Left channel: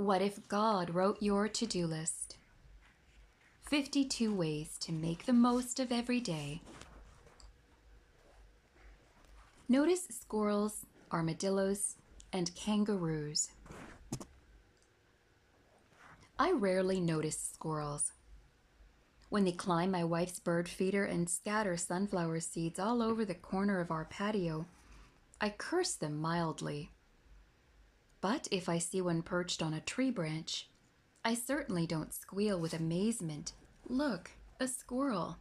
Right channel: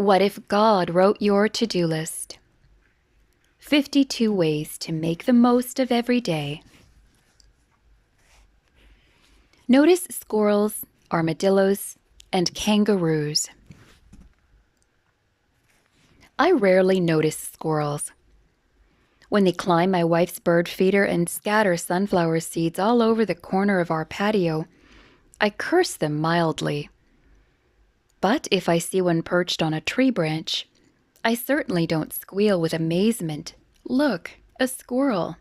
What if God wrote your to-do list? 52 ways to make the most of every day. Notice squirrels, armadillos, and kangaroos. I rarely notice squirrels. When they climb my wife's bird feeder and scatter sunflower seeds all over the corner of our patio, I curse them mildly. But if I see one perched on a tree branch, I certainly don't squeal with amazement. Look, a squirrel.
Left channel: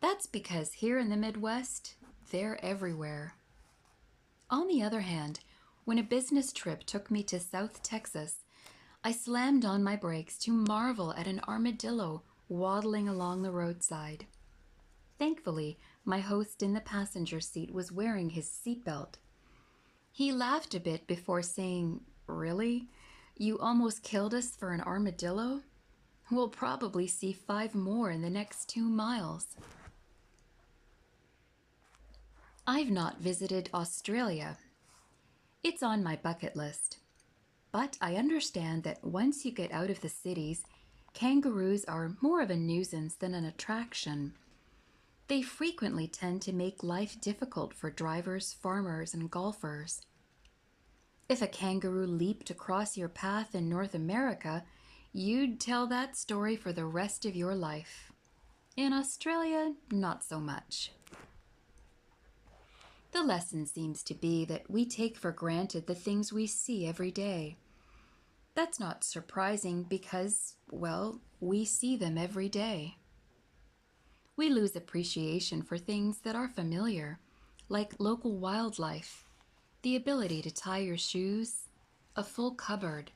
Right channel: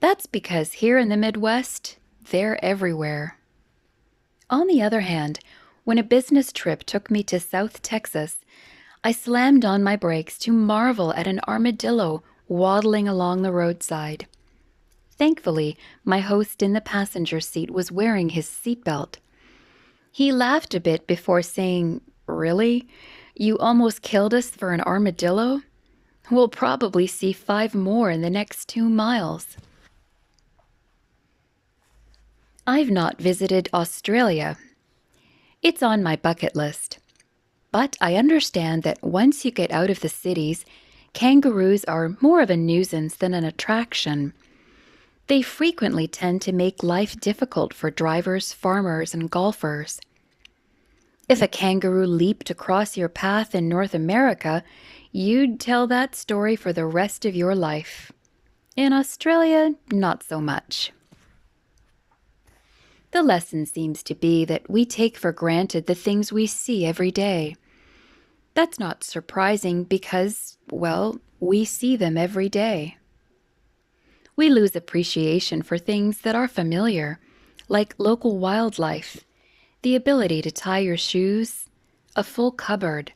That's because here in the Midwest, they're everywhere. On the other hand, when a business trip took me to South Texas, I slammed on my brakes to marvel at an armadillo waddling along the roadside. Thankfully, my host in the passenger seat was wearing his seatbelt. He laughed a bit before saying, "Really? You almost killed us for an armadillo? We'll probably see 5 more in the next 2 miles." I've not visited Australia. It's on my bucket list. But I understand that once you get out of the cities, kangaroos are more of a nuisance than an attraction. They frequently tend to make life difficult for drivers, farmers, and golfers. If a kangaroo leaped across your path in North America, you'd tell that story for the rest of your life. In Australia, not so much. The lesson seems to be that we take for granted the things we see every day. That's not surprising because, well, we see them every day. We lose appreciation for things that are familiar, like local wildlife, the ability to tie your shoes, a full cupboard,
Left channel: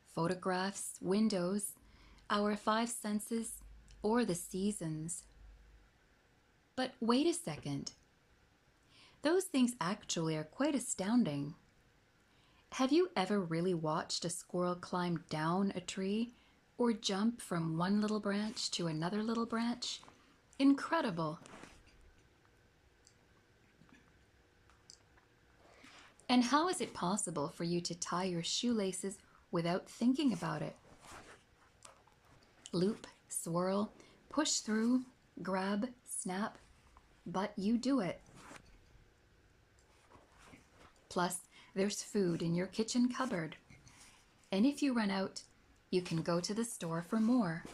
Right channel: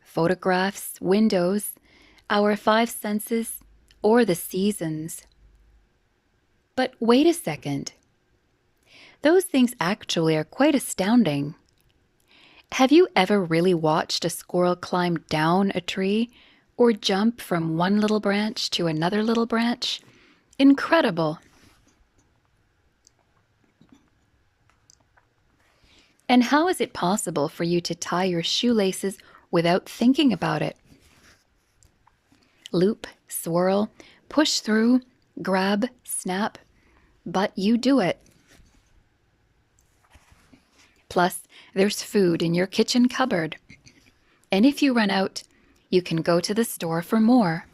photographs, windows, our 5 senses, or the seasons. But wait a second. Those things actually are quite astounding. Have you ever really watched a squirrel climb down a tree or jump from one little branch to another little branch? Incredible. And how is it possible for you to tie your shoelaces without thinking about it? Loop, swirl, push through, grab, snap, but you do it. Plus, there's food in your kitchen cupboard. And if you run out, you can go to the store for more.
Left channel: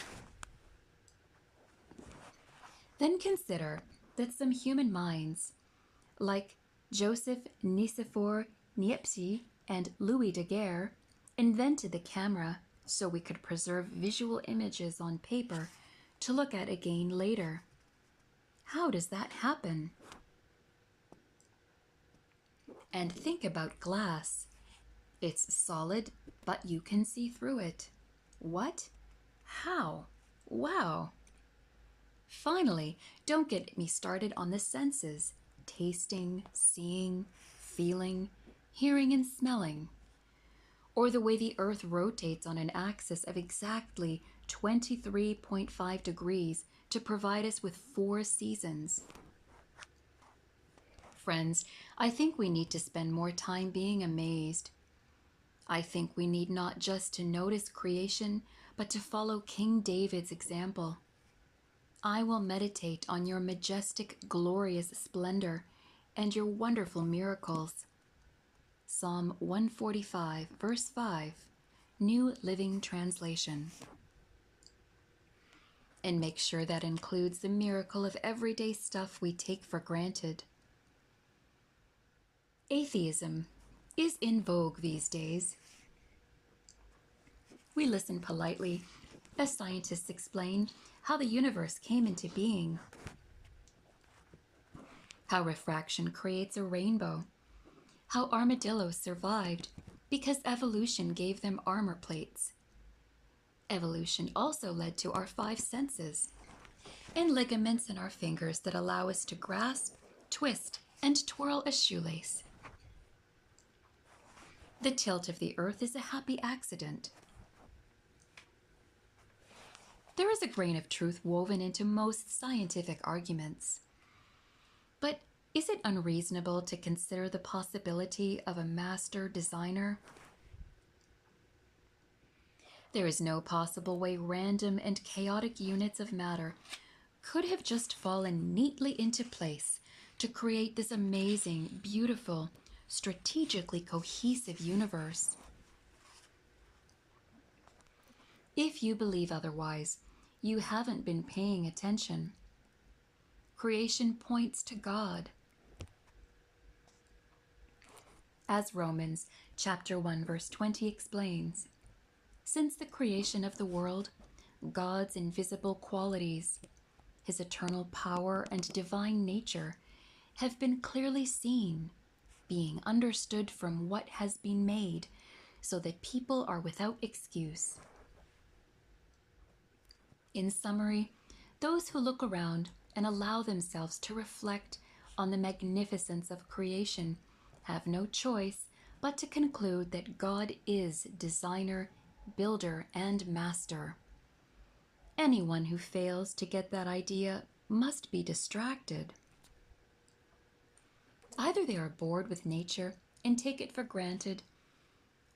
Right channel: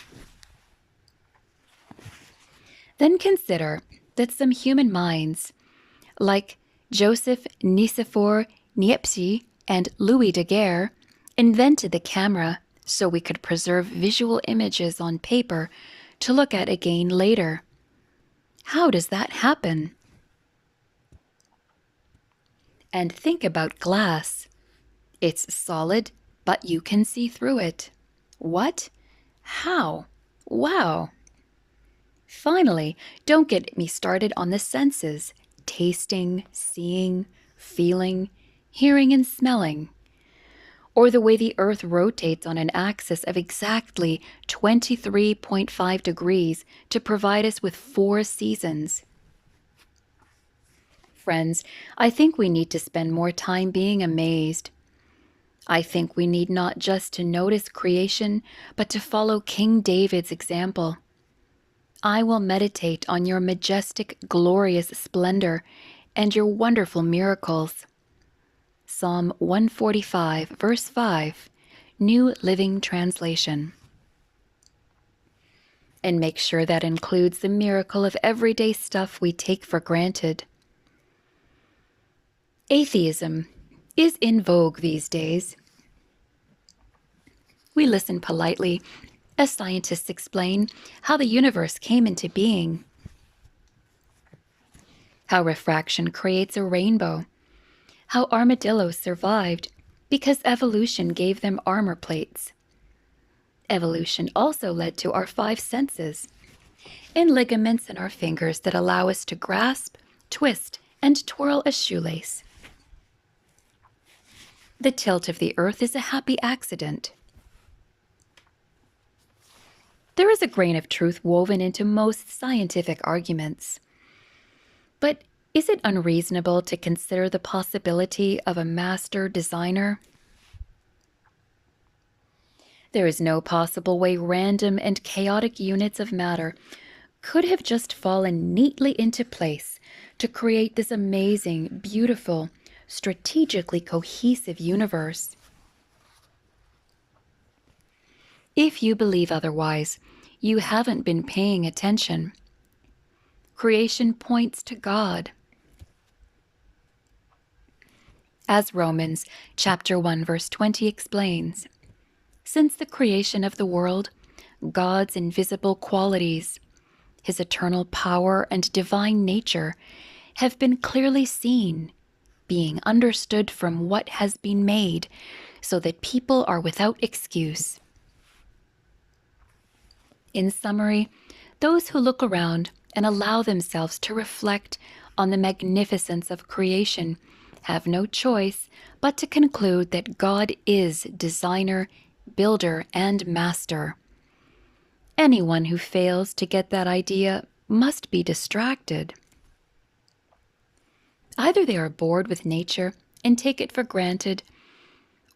Then consider that some human minds, like Joseph Nicephore Niepce and Louis Daguerre, invented the camera so we could preserve visual images on paper to look at again later. How does that happen? And think about glass. It's solid, but you can see through it. What? How? Wow! Finally, don't get me started on the senses: tasting, seeing, feeling, hearing, and smelling. Or the way the Earth rotates on an axis of exactly 23.5 degrees to provide us with 4 seasons. Friends, I think we need to spend more time being amazed. I think we need not just to notice creation, but to follow King David's example. I will meditate on your majestic, glorious splendor and your wonderful miracles. Psalm 145, verse 5, New Living Translation. And make sure that includes the miracle of everyday stuff we take for granted. Atheism is in vogue these days. We listen politely as scientists explain how the universe came into being, how refraction creates a rainbow, how armadillos survived because evolution gave them armor plates. Evolution also led to our 5 senses and ligaments in our fingers that allow us to grasp, twist, and twirl a shoelace. The tilt of the earth is a happy accident. There is a grain of truth woven into most scientific arguments. But is it unreasonable to consider the possibility of a master designer? There is no possible way random and chaotic units of matter could have just fallen neatly into place to create this amazing, beautiful, strategically cohesive universe. If you believe otherwise, you haven't been paying attention. Creation points to God. As Romans chapter 1 verse 20 explains, since the creation of the world, God's invisible qualities, his eternal power and divine nature, have been clearly seen, being understood from what has been made, so that people are without excuse. In summary, those who look around and allow themselves to reflect on the magnificence of creation have no choice but to conclude that God is designer, builder, and master. Anyone who fails to get that idea must be distracted. Either they are bored with nature and take it for granted,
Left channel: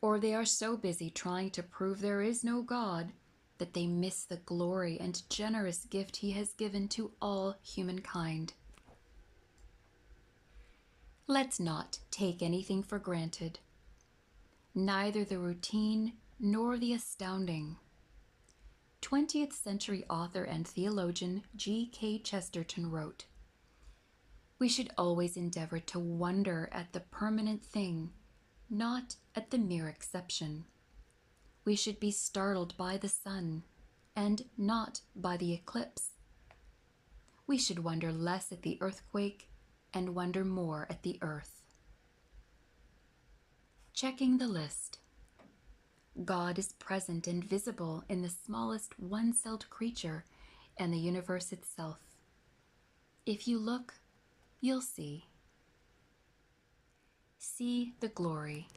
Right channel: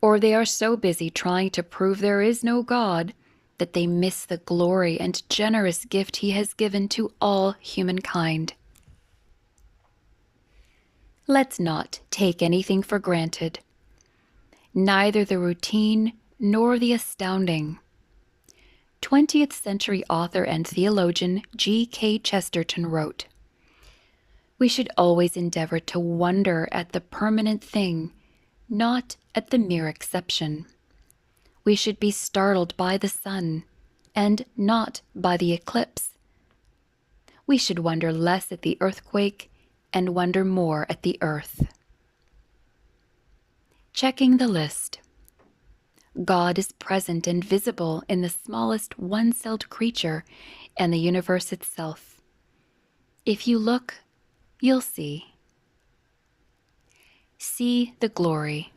or they are so busy trying to prove there is no God that they miss the glory and generous gift he has given to all humankind. Let's not take anything for granted, neither the routine nor the astounding. 20th century author and theologian G.K. Chesterton wrote, "We should always endeavor to wonder at the permanent thing, not at the mere exception. We should be startled by the sun, and not by the eclipse. We should wonder less at the earthquake and wonder more at the earth." Checking the list. God is present and visible in the smallest one-celled creature and the universe itself. If you look, you'll see. See the glory.